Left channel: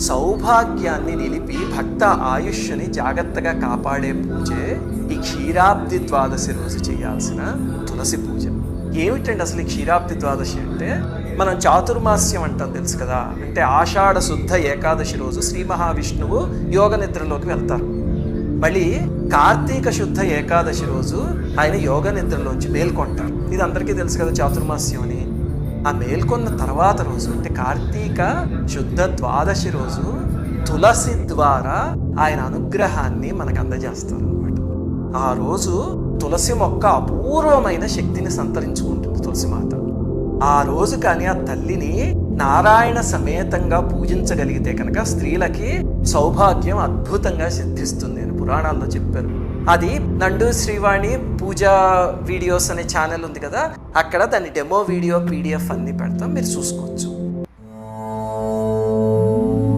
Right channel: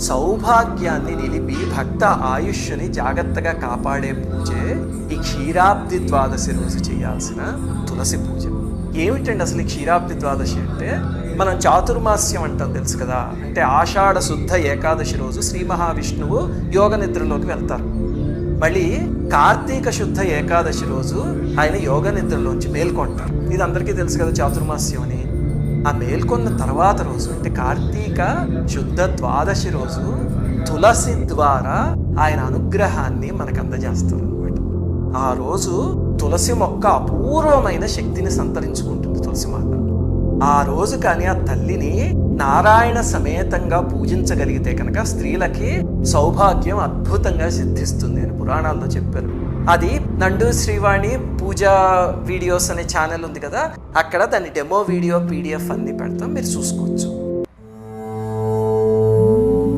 సౌభాగ్యాన్ని నిలిపి భక్త ఆయుష్ని జాగ్రత్తగా కాపాడే పూజే ఈ క్షీరాబ్ది ద్వాదశి రోజు చేయాల్సిన తులసి పూజ. ఏమిటండి అసలు క్షీరాబ్ది ద్వాదశి అంటే? మనం చాతుర్మాస్యం అంటాం తెలుసు కదా. అంటే ఆషాఢ శుద్ధ ఏకాదశి రోజు శ్రీ మహావిష్ణువు యోగ నిద్రలోకి వెళ్తారు. మళ్ళీ కార్తీక శుద్ధ ఏకాదశి రోజు ఆయన యోగ నిద్రలోంచి మేల్కొంటారు. ఇది అందరికీ తెలుసు కదా చాతుర్మాస్యం అని. ఆ మేల్కొన్న తర్వాత రోజు అంటే కార్తీక శుద్ధ ద్వాదశి రోజు తులసి ద్వారా ఆయన అనుగ్రహాన్ని మనకు అందజేస్తారు అనమాట. ఆ రోజు తులసి మొక్క అపూర్వమైన శక్తిని సంతరించుకుంటుంది తులసిమాత. ఆ రోజు కానీ ఆ తల్లిని నారాయణ సమేతంగా పూజించగలిగితే కనుక స్త్రీలకి సౌభాగ్యం అద్భుతంగా సిద్ధిస్తుంది అని పురాణాల్లో చెప్పారు. అది నండు శ్రీవాణి పూజా వీడియోస్ అనే ఛానల్ ఉంది కదా, అక్కడ దాని డెమో వీడియో PDF అన్ని పెడతాం, మీరు చూసుకోవచ్చు.